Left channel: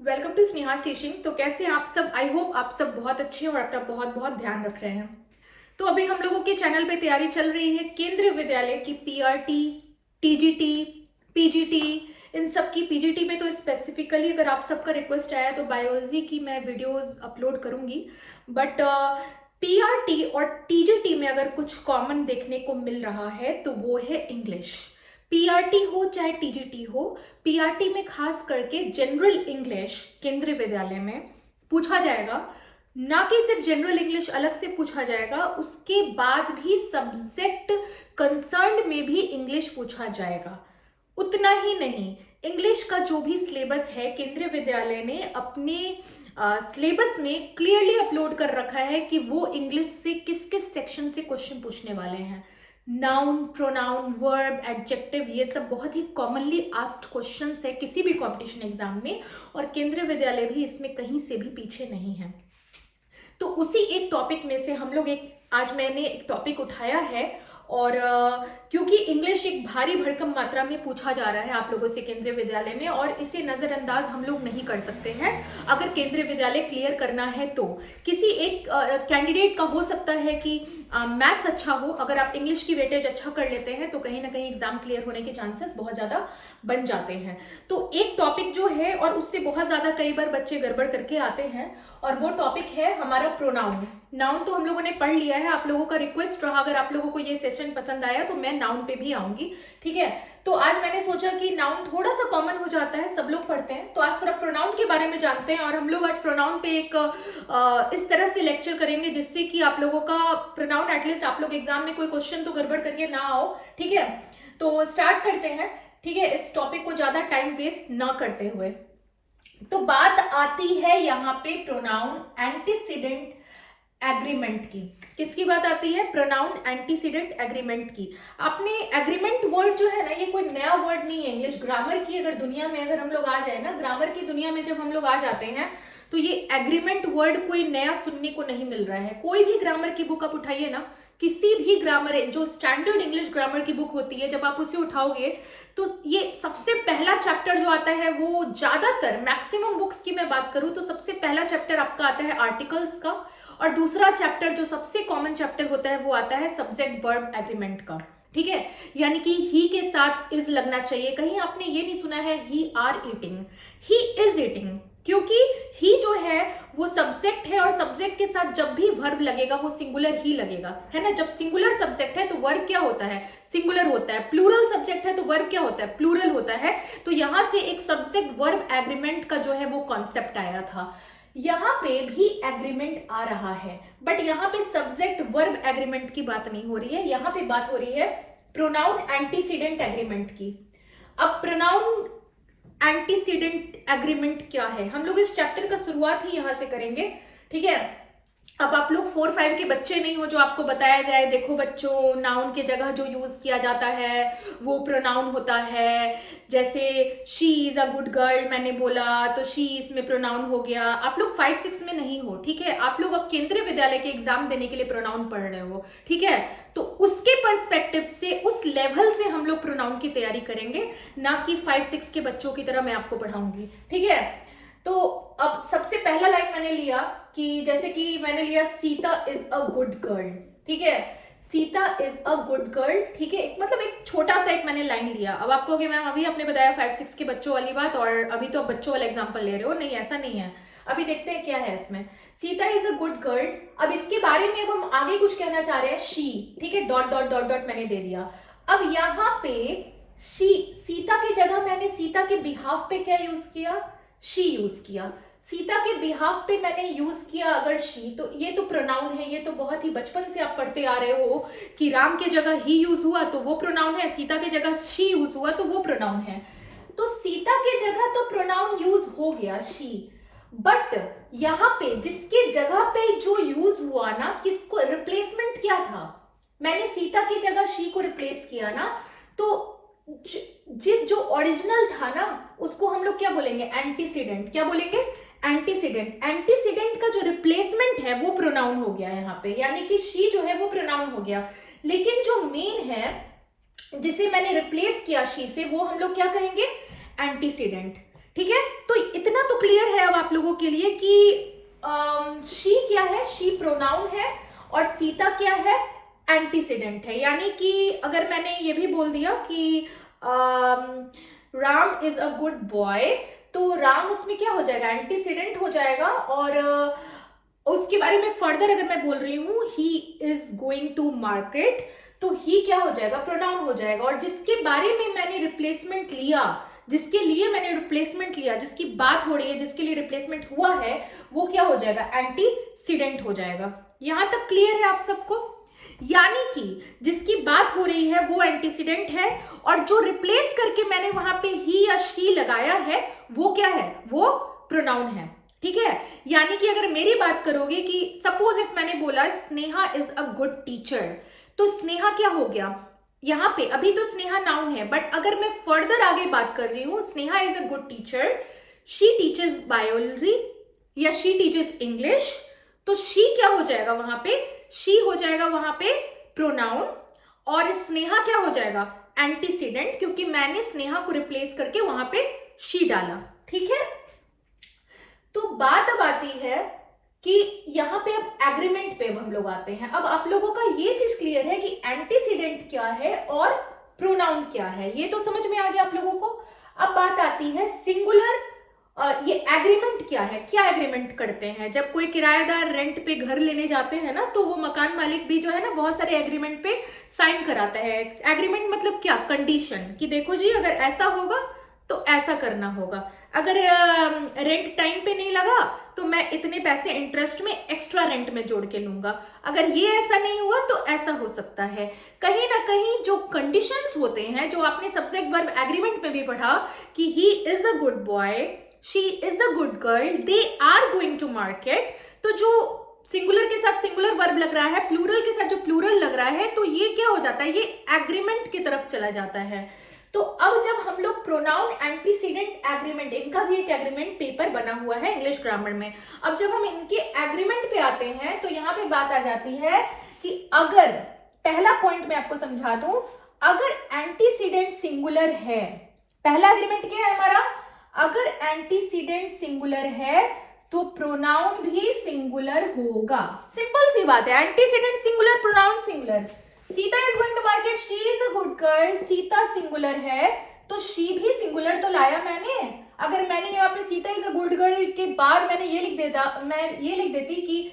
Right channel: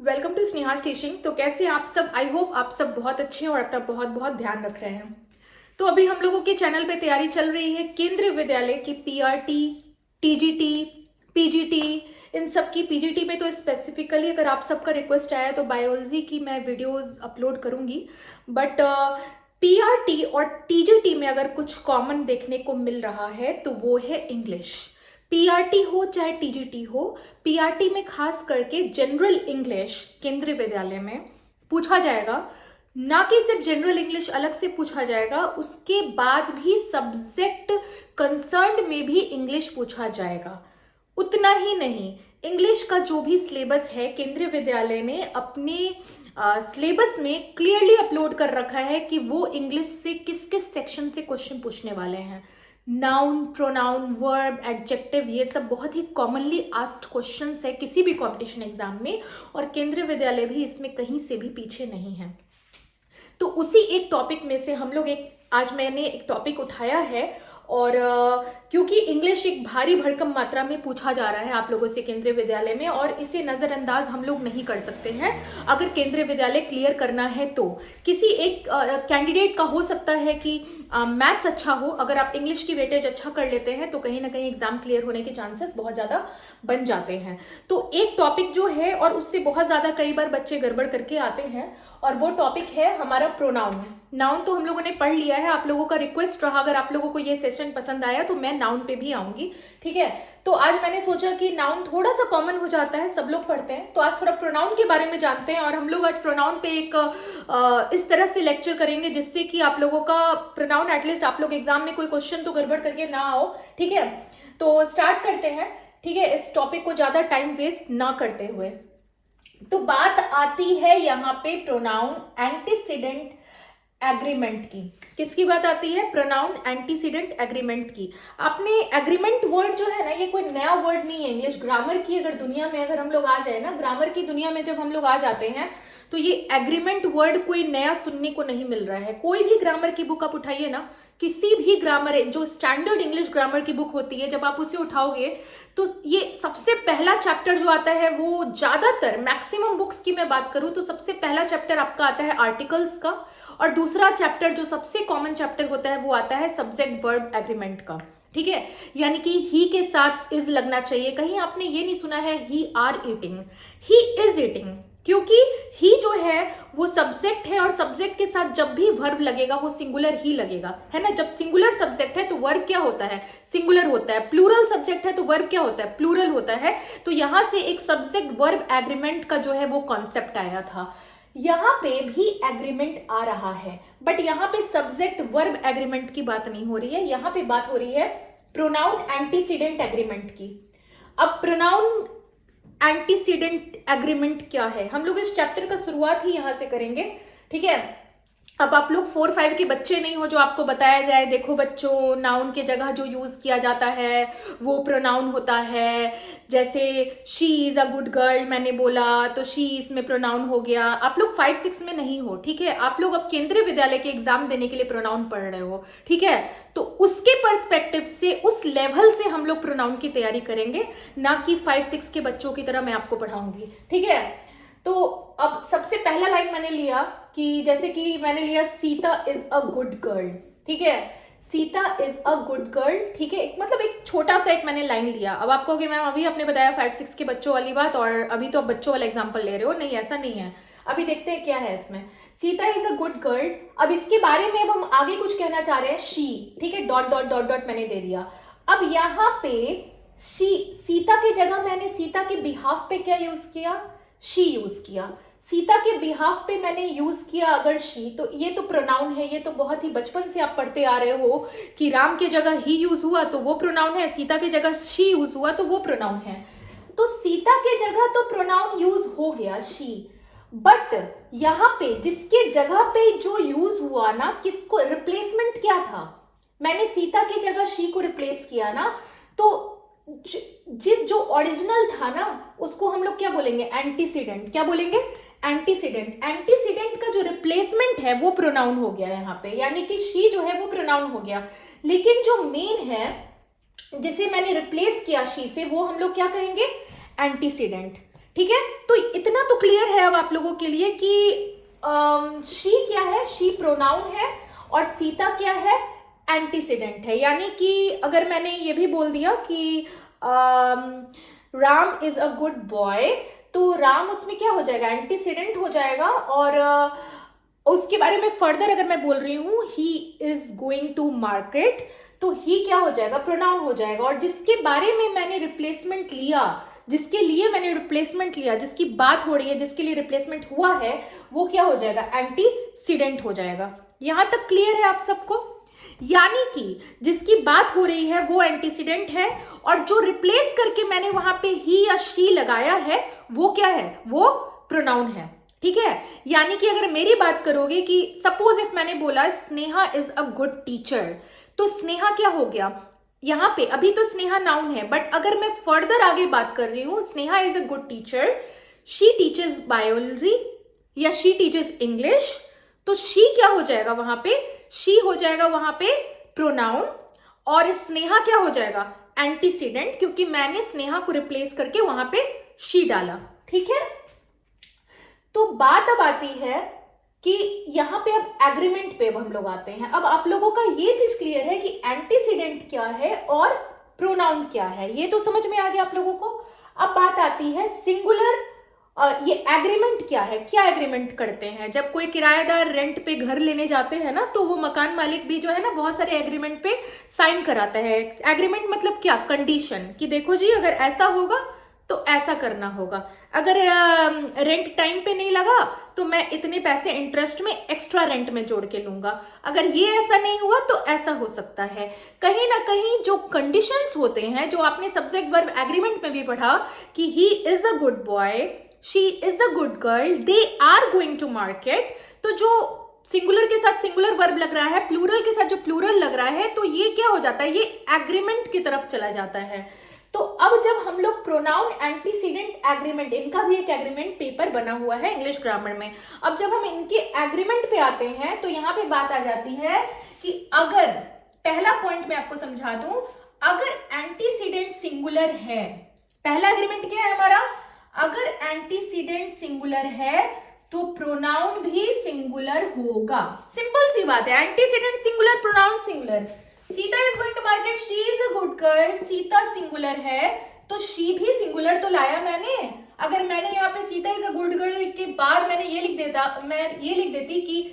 Welcome to स्नेहास teaching. तो कैसे आप सब? आई होप आप सब बहुत अच्छे हैं और अपना बहुत बहुत ध्यान रख रहे हैं। तो अभी हम लोगों के चैनल पे तैयारी चल रही है केंद्रीय विद्यालय की पीआरटी, टीजीटी, पीजीटी, इन सब की। पीजीटी पे तो स्पेसिफिकली अगर आप सबका रिक्वेस्ट आया तो बायोलॉजी की मैं वीडियोस अपलोड करूंगी, बट पीआरटी और टीजीटी में अगर कुछ कॉमन देखने को मिल रहा है तो वो है इंग्लिश। पीआरटी हो चाहे टीजीटी हो, पीआरटी में खास करके जनरल इंग्लिश केंद्रीय विद्यालय में पूछा जाएगा। ना कि सिर्फ जनरल इंग्लिश अलग से पूछा जाएगा, उसके बाद भी सब्जेक्ट कंसर्न में भी इंग्लिश पूछा जाएगा। उतना ही नहीं, इंग्लिश का जो भी सिलेबस है केंद्रीय विद्यालय ने अपने सिलेबस में क्लियरली अपलोड कर रखा है कि वो इंग्लिश से किस किस सेक्शन से क्वेश्चन पूछने वाले हैं। नाउन, प्रोनाउन, वर्ब, एडजेक्टिव, ये सब बहुत ही कॉमनली आस्क्ड क्वेश्चंस है किसी भी कंपटीशन एग्जाम में, और केंद्रीय विद्यालय भी इसमें कहीं से भी पीछे नहीं है। तो उसी एक टॉपिक में से हम लोग आज मैंने एक टॉपिक उठाया है, और क्योंकि इंग्लिश एक भारी भरकम मात्रा में पूछा जा रहा है आप लोगों से केंद्रीय विद्यालय में, और इसे नज़रअंदाज हम लोग नहीं कर सकते हैं। अगर केंद्रीय विद्यालय क्लियर करना है तो किसी एक कैंडिडेट का हो सकता है कि मैथ्स अच्छा हो, अगर आप इंग्लिश की वेटेज अच्छा कर लेते हैं तो कहीं ना कहीं एग्जाम क्लियर होने के चांसेस बहुत ज़्यादा बन जाते हैं। तो एक टॉपिक जो है, और उससे बहुत ज़्यादा कई बार बच्चे गड़बड़ करके आते हैं, और वो टॉपिक है हमारा प्रोनाउन। नाउन तो हम लोगों ने पढ़ लिया है, आप लोगों का रिक्वेस्ट रहा अगर आप लोगों को ये सेशन पसंद आया तो मैं नाउन पे भी आऊंगी, ठीक है। तो आज मैंने सोचा कि नाउन थोड़ा सा कॉमन हो जाता है, सब लोग पढ़ते हैं, तो आज थोड़ा प्रोनाउन के बारे में जानते हैं। और हम लोग आज प्रोनाउन पे एक इस तरह से लेक्चर करेंगे जिससे कि आप लोगों का प्रोनाउन एटलीस्ट आप लोग एग्जाम में कोई क्वेश्चन तो गड़बड़ करके ना आओ, ठीक है। तो स्टार्ट करते हैं, ठीक है, इस टॉपिक को ज्यादा टाइम वेस्ट ना करते हुए। तो बात आती है यहाँ पे प्रोनाउन एंटीसीडेंट एग्रीमेंट की। किसकी बात आती है? प्रोनाउन एंटीसीडेंट एग्रीमेंट की। आपने एग्रीमेंट वर्ड जो है ना, ये कोई नया वर्ड नहीं है। इंग्लिश ग्रामर की अगर दुनिया में अगर हम लोग आ जाए ना, ग्रामर की दुनिया में जब हम लोग आ जाते हैं तो ये एग्रीमेंट वर्ड कोई नया सुनने को नहीं मिल रहा है। कोई भी ग्रामर की बुक आप उठाइए ना, किसी भी ग्रामर, जो स्टैंडर्ड इंग्लिश ग्रामर की बुक होती है, जब आप उसे उठाओगे तो ये सबसे पहला चैप्टर जो आता है, वो ज्यादातर मैक्सिमम बुक्स की मैं बात करूं तो सबसे पहला चैप्टर आपका आता है आर्टिकल्स का, और दूसरा चैप्टर जो सबसे कॉमन चैप्टर होता है वो आता है सब्जेक्ट वर्ब एग्रीमेंट का, ठीक है। यानी कि ही के साथ इज लगना चाहिए। कहीं आपने ये नहीं सुना है he are eating, he is eating, क्योंकि ही जो है वो सब्जेक्ट है, और सब्जेक्ट के साथ जब भी वर्ब लगेगा वो सिंगुलर ही लगेगा, है ना। जब सिंगुलर सब्जेक्ट है तो वर्ब क्या होता है? सिंगुलर होता है। प्लूरल सब्जेक्ट है तो वर्ब क्या होता है? प्लूरल होता है। तो यहां से एक सब्जेक्ट वर्ब एग्रीमेंट का जो है वो कॉन्सेप्ट आया था। यहाँ पे भी एग्रीमेंट आ रहा है, बट यहाँ पे सब्जेक्ट वर्ब एग्रीमेंट की बात नहीं हो रही है, यहाँ पे बात हो रही है प्रोनाउन एंटीसीडेंट एग्रीमेंट की। अब प्रोनाउन एंटीसीडेंट एग्रीमेंट क्या है, हम लोग इस चैप्टर का शुरुआत ही यहां से करेंगे, ठीक है। अब आप लोग 4-5 के बच्चे नहीं हो जो आपको बताया जाए देखो बच्चों, नाउन के जगह जो यूज किया जाता है वो प्रोनाउन होता है। जैसे she is a good girl मैंने बोला तो शी इसमें प्रोनाउन हो गया। आप लोग 5-6 में नहीं हो, ठीक है। आप लोग अब केंद्रीय विद्यालय के एग्जाम देने के लिए प्रोनाउन पढ़ रहे हो, ठीक है। तो उसके पर्सपेक्टिव से, उस लेवल से हम लोग प्रोनाउन की तैयारी करेंगे, ना कि 5-6 के बच्चों की तरह मैं आपको पढ़ाऊंगी, ठीक है। तो अब सबसे पहला लाइन मैंने लिया कि जैसे कि मैंने लिया Sita is a good girl, ठीक है। Sita is a good girl, ठीक है। मतलब एक छोटा सा एक मैंने लाइन लिया। अब आपको कि मैम अभी आपने बताया 5-6 के बच्चों वाली बात, और अभी तो आप बच्चों वाला एग्जाम्पल ले रहे हो। नहीं, ऐसा नहीं है। अभी देखते हैं क्या है इसमें। Sita is a good girl, अब इसके बारे में अब हम आगे कुछ कहना चाह रहे हैं, शी, ठीक है। डॉट डॉट डॉट डॉट मैंने दे दिया। अब यहाँ पे शी, सीता की जगह मैंने सीता के बिहाफ पे क्या यूज किया? शी यूज किया। सीता के बिहाफ पे मैंने यूज किया अगर शी, तो ये तो प्रोनाउन है। ये तो बहुत ही बचपन से आप पढ़ते आ रहे हो कि राम के जगह ही यूज हुआ तो वो प्रोनाउन है, सीता के जगह शी यूज हुआ तो वो प्रोनाउन है। तो सीता के जगह तो प्रोनाउन यूज हो गया शी, बट यहां पे जिसके जगह पे जो यूज हुआ ना, किसको रिप्लेसमेंट क्या था? मैंने सीता की जगह शी को रिप्लेस किया ना, तो जिस जो ओरिजिनल था ना उसको हम लोग क्या बोलेंगे? एंटीसीडेंट। क्या बोलेंगे? एंटीसीडेंट। एंटीसीडेंट का जो रिप्लेसमेंट है वो प्रोनाउन हो गया यहाँ पे, यानी कि शी जो है वो प्रोनाउन हो गया। लेकिन जो मेन है जिसे मैंने रिप्लेस किया शी से, वो हम लोग क्या कहेंगे? एंटीसीडेंट, ठीक है। तो इतना तो क्लियर है अब आप लोगों के लिए कि शी क्या है, शी प्रोनाउन है और सीता क्या है, एंटीसीडेंट है। यानी कि अगर मैंने ये भी बोल दिया कि Ram is a good boy, तो राम उसमें क्या हो जाएगा, एंटीसीडेंट हो जाएगा। और उसके बारे में फर्दर अगर मैं बोल रही हूँ he is going to market, तो ही क्या हो जाएगा, प्रोनाउन हो जाएगा। और जिसके बारे में मैंने रिप्लेसमेंट लिया, जिसके लिए मैंने रिप्लेसमेंट लिया, जिसकी बात हो रही है, जिसके लिए रिप्लेसमेंट हुआ है, वो क्या हो जाएगा, एंटीसीडेंट हो जाएगा। यहां तक क्लियर है आप सबको? यानी कि जिसकी बात हो रही है वो एंटीसीडेंट है और जो रिप्लेस करके मैंने वहां पे ही या शी लगाया है वो क्या है, वो प्रोनाउन है। ठीक है, यानी कि अगर मेरी बात करोगे कि सपोज इफ मैंने बोला Sneha is a good teacher, तो स्नेहा क्या हो गया यहाँ पे, अभी तो स्नेहा नाउन है, बट अगर मैं फर्दर आगे बात कर रही हूं, Sneha is a good teacher, she teachers biology या शी टीचर्स इंग्लिश, तो शी क्या हो जाएगा वहां पे, शी हो जाएगा वहां पे प्रोनाउन और स्नेहा क्या हो जाएगा, एंटीसीडेंट, क्योंकि मैंने स्नेहा को रिप्लेस करके वहां पे शी डाला। ठीक है, तो बात अब आती है कि यहाँ पे अब एग्रीमेंट पे अब हम लोग आते हैं। अब आप लोगों का ये चीज क्लियर है कि एंटीसीडेंट क्या है और प्रोनाउन क्या है, ये तो समझ में आ गया आप लोगों को। अब बात आती है सिंगुलर, ये एग्रीमेंट क्या है, क्या एग्रीमेंट करते हैं। जब कोई किराएदार रेंट पे घर लेने जाते हैं ना, तो वो मकान मालिक भी जो है ना बहुत सारे एग्रीमेंट पे साइन कराता है। एग्रीमेंट मतलब क्या, कंडीशन, कि देखो जी अगर ऐसा होगा तो ऐसा करना होगा, अगर रेंट टाइम पे नहीं लगा तो मैं इतने पैसे इंटरेस्ट में एक्स्ट्रा रेंट में जोड़ के लूंगा, अगर ये ऐसा नहीं हुआ तो ऐसा हो सकता है। कहीं ना कहीं जो कंडीशंस होते हैं, जो आपने सब्जेक्ट वर्ब एग्रीमेंट में भी पढ़ा कि he is a good boy, she is a good girl, they are going to market, तो जो सिंगुलर के साथ सिंगुलर वर्ब लग रहा है, प्लूरल के साथ जो प्लूरल लग रहा है, तो ये क्या हो जाता है, ये एग्रीमेंट की तरफ चला जाता है। तो अब जब हम लोग प्रोनाउन एंटीसीडेंट एग्रीमेंट, इनका भी एक एग्रीमेंट पेपर बना हुआ है इंग्लिश ग्रामर में, अब जब हम इनके एग्रीमेंट पे आते हैं तो यहाँ पे बात आ जाती है कि अगर, पहला पॉइंट मैं आपको समझा दूं, अगर एंटीसीडेंट सिंगुलर है, पहला एग्रीमेंट क्या है हमारा, अगर एंटीसीडेंट सिंगुलर है तो प्रोनाउन भी सिंगुलर होगा। सिंपल सी बात है, antecedent singular, pronoun singular. Sita is going to market, she is a good girl, Sita singular है तो शी भी सिंगुलर तो लाया मैंने। अगर मैंने यहाँ पे Sita is a good girl के बाद मैंने ये लिख देता, मैं ये लिख देती कि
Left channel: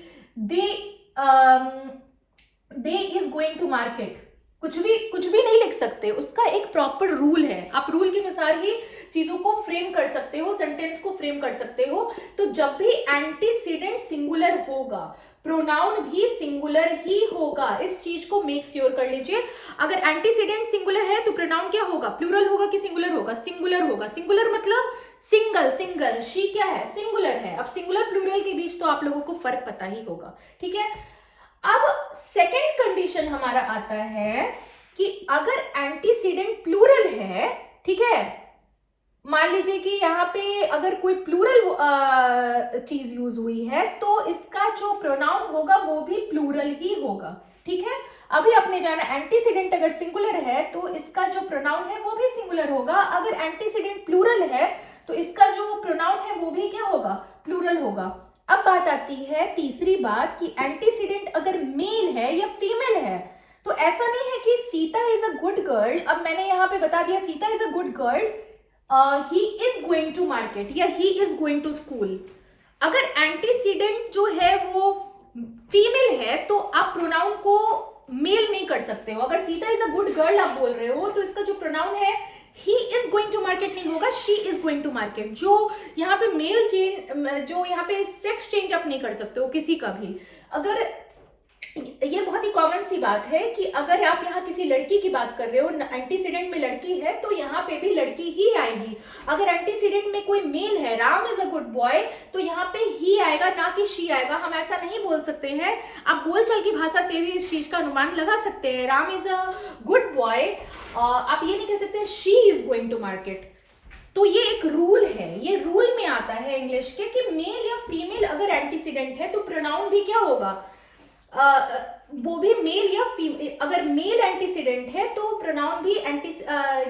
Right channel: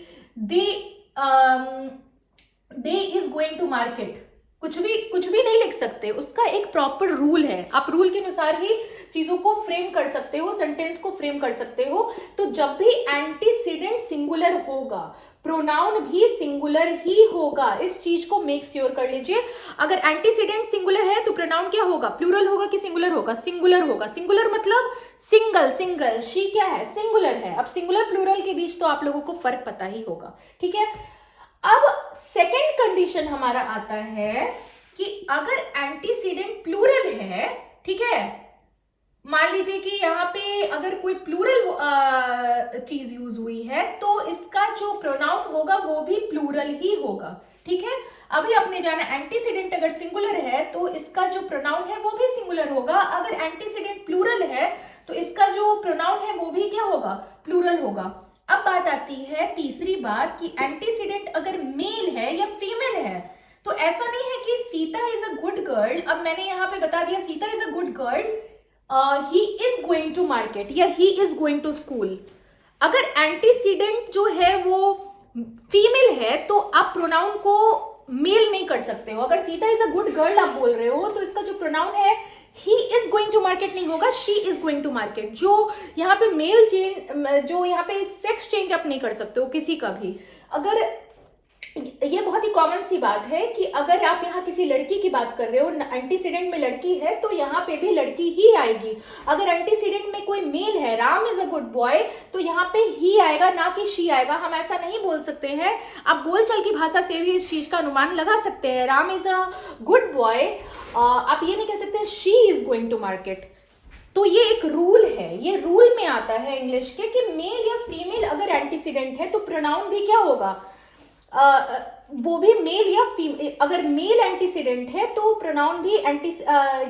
दे इज गोइंग टू मार्केट, कुछ भी नहीं लिख सकते, उसका एक प्रॉपर रूल है, आप रूल के अनुसार ही चीजों को फ्रेम कर सकते हो, सेंटेंस को फ्रेम कर सकते हो। तो जब भी एंटीसीडेंट सिंगुलर होगा, प्रोनाउन भी सिंगुलर ही होगा, इस चीज को मेक श्योर कर लीजिए। अगर एंटीसीडेंट सिंगुलर है तो प्रोनाउन क्या होगा, प्लूरल होगा कि सिंगुलर होगा, सिंगुलर होगा। सिंगुलर मतलब सिंगल, सिंगल, शी क्या है, सिंगुलर है। अब सिंगुलर प्लूरल के बीच तो आप लोगों को फर्क पता ही होगा। ठीक है, अब सेकेंड कंडीशन हमारा आता है कि अगर एंटीसीडेंट प्लूरल है, ठीक है, मान लीजिए कि यहाँ पे अगर कोई प्लूरल चीज यूज हुई है तो इसका जो प्रोनाउन होगा वो भी प्लूरल ही होगा। ठीक है, अभी आपने जाना एंटीसीडेंट अगर सिंगुलर है तो इसका जो प्रोनाउन है वो भी सिंगुलर होगा, अगर एंटीसीडेंट प्लूरल है तो इसका जो प्रोनाउन है वो भी क्या होगा, प्लूरल होगा। अब बात आती है तीसरी बात कि एंटीसीडेंट अगर मेल है या फीमेल है, तो ऐसा नहीं है कि Sita is a good girl, अब मैंने यहाँ पे बता दिया Sita is a good girl, he is going to market या he is going to school. अगर एंटीसीडेंट जो है वो फीमेल है तो आप प्रोनाउन को मेल नहीं कर सकते हो। अगर Sita is a good girl आप बोल रहे हो तो इसका जो प्रोनाउन है he is going to market नहीं होगा, she is going to market. जो यहाँ पे मेल चेंज, जो यहाँ पे सेक्स चेंज आप नहीं कर सकते हो किसी का भी। अगर ये बहुत ही कॉमन सी बात है कि अगर आप यहाँ किसी लड़की की बात कर रहे हो, एंटीसीडेंट में लड़की है तो यहाँ पे भी लड़की ही आएगी। अगर एंटीसीडेंट में कोई मेल है, Ram is a good boy, तो यहाँ पे ही आएगा ना कि शी आएगा। हम ऐसा नहीं बोल सकते हैं, आप बोलचाल की भाषा से भी इस चीज का अनुमान लगा सकते हैं। Ram is a good boy, आप ये नहीं कह सकते she is going to market. तो ये एक रूल है, ये रूल में आता है इंग्लिश के कि मेल या फीमेल अगर एंटीसीडेंट है तो प्रोनाउन भी क्या होगा, वो भी मेल या फीमेल, अगर मेल एंटीसीडेंट है तो प्रोनाउन भी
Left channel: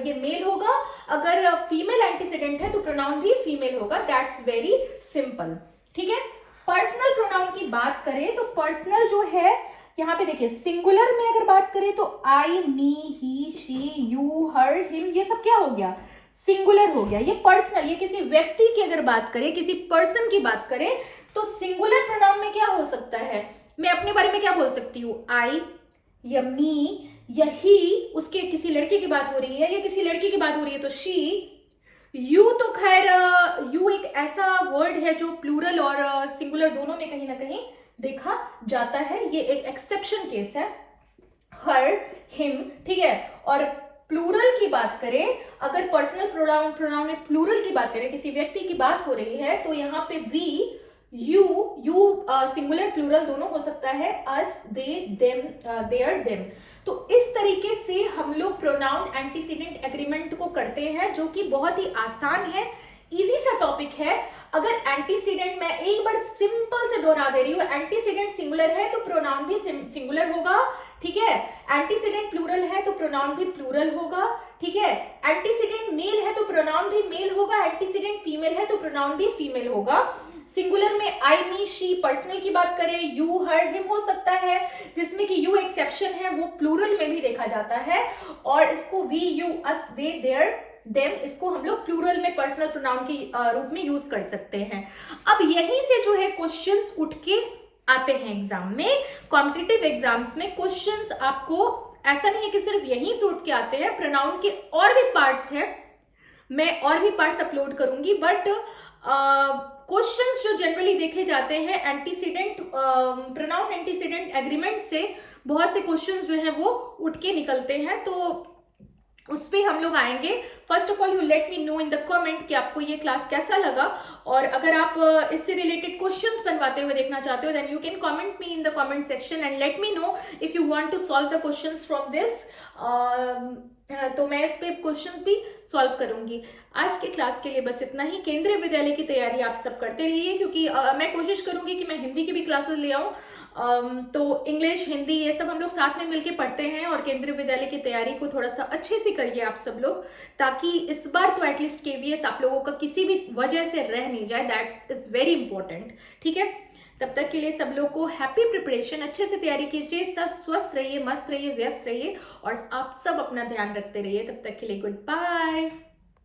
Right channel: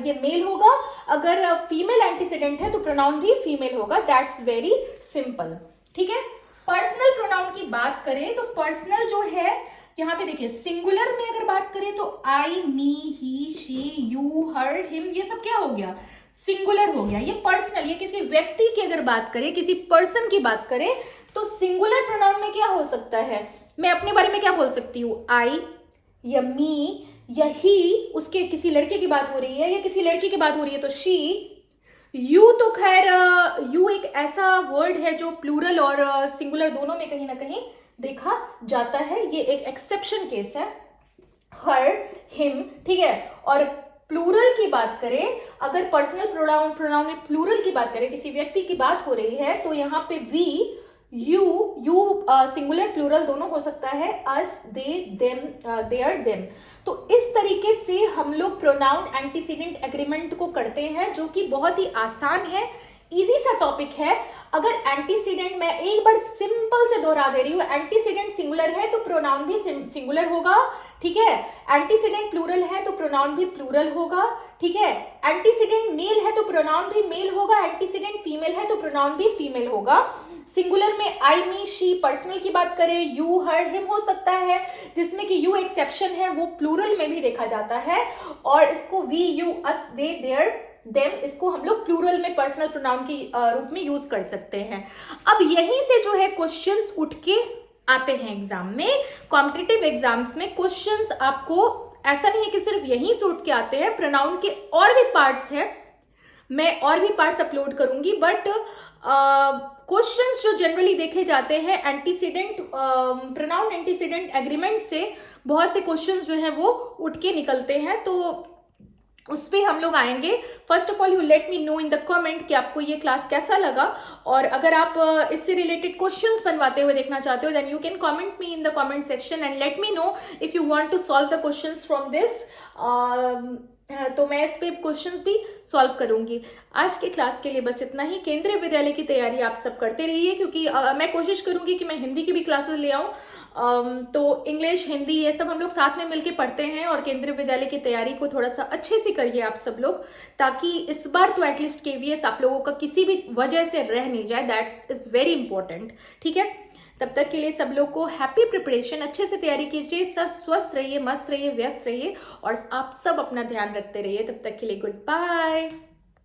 ये मेल होगा, अगर फीमेल एंटीसीडेंट है तो प्रोनाउन भी फीमेल होगा। दैट्स वेरी सिंपल, ठीक है। पर्सनल प्रोनाउन की बात करें तो पर्सनल जो है यहाँ पे देखिए, सिंगुलर में अगर बात करें तो आई, मी, ही, शी, यू, हर, हिम, ये सब क्या हो गया, सिंगुलर हो गया। ये पर्सनल, ये किसी व्यक्ति की अगर बात करें, किसी पर्सन की बात करें तो सिंगुलर प्रोनाउन में क्या हो सकता है, मैं अपने बारे में क्या बोल सकती हूँ, आई या मी या ही, उसके किसी लड़के की बात हो रही है या किसी लड़की की बात हो रही है तो शी। यू तो खैर यू एक ऐसा वर्ड है जो प्लूरल और सिंगुलर दोनों में कहीं ना कहीं देखा जाता है, ये एक एक्सेप्शन केस है। हर, हिम, ठीक है। और प्लूरल की बात करें, अगर पर्सनल प्रोनाउन में प्लूरल की बात करें, किसी व्यक्ति की बात हो रही है तो यहाँ पे वी, यू सिंगुलर प्लूरल दोनों हो सकता है, अस, दे, देम, देयर, देम। तो इस तरीके से हम लोग प्रोनाउन एंटीसीडेंट एग्रीमेंट को करते हैं, जो कि बहुत ही आसान है, इजी सा टॉपिक है। अगर एंटीसीडेंट, मैं एक बार सिंपल से दोहरा दे रही हूँ, एंटीसीडेंट सिंगुलर है तो प्रोनाउन भी सिंगुलर होगा, ठीक है। एंटीसीडेंट प्लूरल है तो प्रोनाउन भी प्लूरल होगा, ठीक है। एंटीसीडेंट मेल है तो प्रोनाउन भी मेल होगा, एंटीसीडेंट फीमेल है तो प्रोनाउन भी फीमेल होगा। सिंगुलर में आई, मी, शी, पर्सनल की बात करें, यू, हर, हिम हो सकता है, जिसमें कि यू एक्सेप्शन है, वो प्लूरल में भी देखा जाता है। और इसको we, you, us, they, their, them, इसको हम लोग प्लूरल में पर्सनल प्रोनाउन के रूप में यूज कर सकते हैं। अब यहीं से जो है क्वेश्चंस उठ के आते हैं एग्जाम में, कॉम्पिटिटिव एग्जाम्स में क्वेश्चंस आपको ऐसा नहीं है कि सिर्फ यहीं से उठ के आते हैं, प्रोनाउन के और भी पार्ट्स हैं, मैं और भी पार्ट्स अपलोड करूंगी, बट क्वेश्चंस जो जनरली देखे जाते हैं एंटीसीडेंट प्रोनाउन एंटीसीडेंट एग्रीमेंट से बहुत से क्वेश्चंस जो है वो उठ के निकलते हैं, तो उस पर हम लोग आएंगे। First of all you let me no in the comment कि आपको ये क्लास कैसा लगा, और अगर आप इससे रिलेटेड क्वेश्चंस बनवाते हुए देखना चाहते हो then you can comment me in the comment section and let me know if you want to solve the questions from this, तो मैं इस पे क्वेश्चंस भी सॉल्व करूंगी। आज की क्लास के लिए बस इतना ही। केंद्रीय विद्यालय की तैयारी आप सब करते रहिए, क्योंकि मैं कोशिश करूंगी कि मैं हिंदी की भी क्लासेस ले आऊँ, तो इंग्लिश, हिंदी ये सब हम लोग साथ में मिलके पढ़ते हैं, और केंद्रीय विद्यालय की तैयारी को थोड़ा सा अच्छे से करिए आप सब लोग, ताकि इस बार तो एटलीस्ट केवीएस आप लोगों का किसी भी वजह से रह नहीं जाए, दैट इज वेरी इंपॉर्टेंट, ठीक है। तब तक के लिए सब लोग को हैप्पी प्रिपरेशन, अच्छे से तैयारी कीजिए, सब स्वस्थ रहिए, मस्त रहिए, व्यस्त रहिए, और आप सब अपना ध्यान रखते रहिए। तब तक के लिए गुड बाय।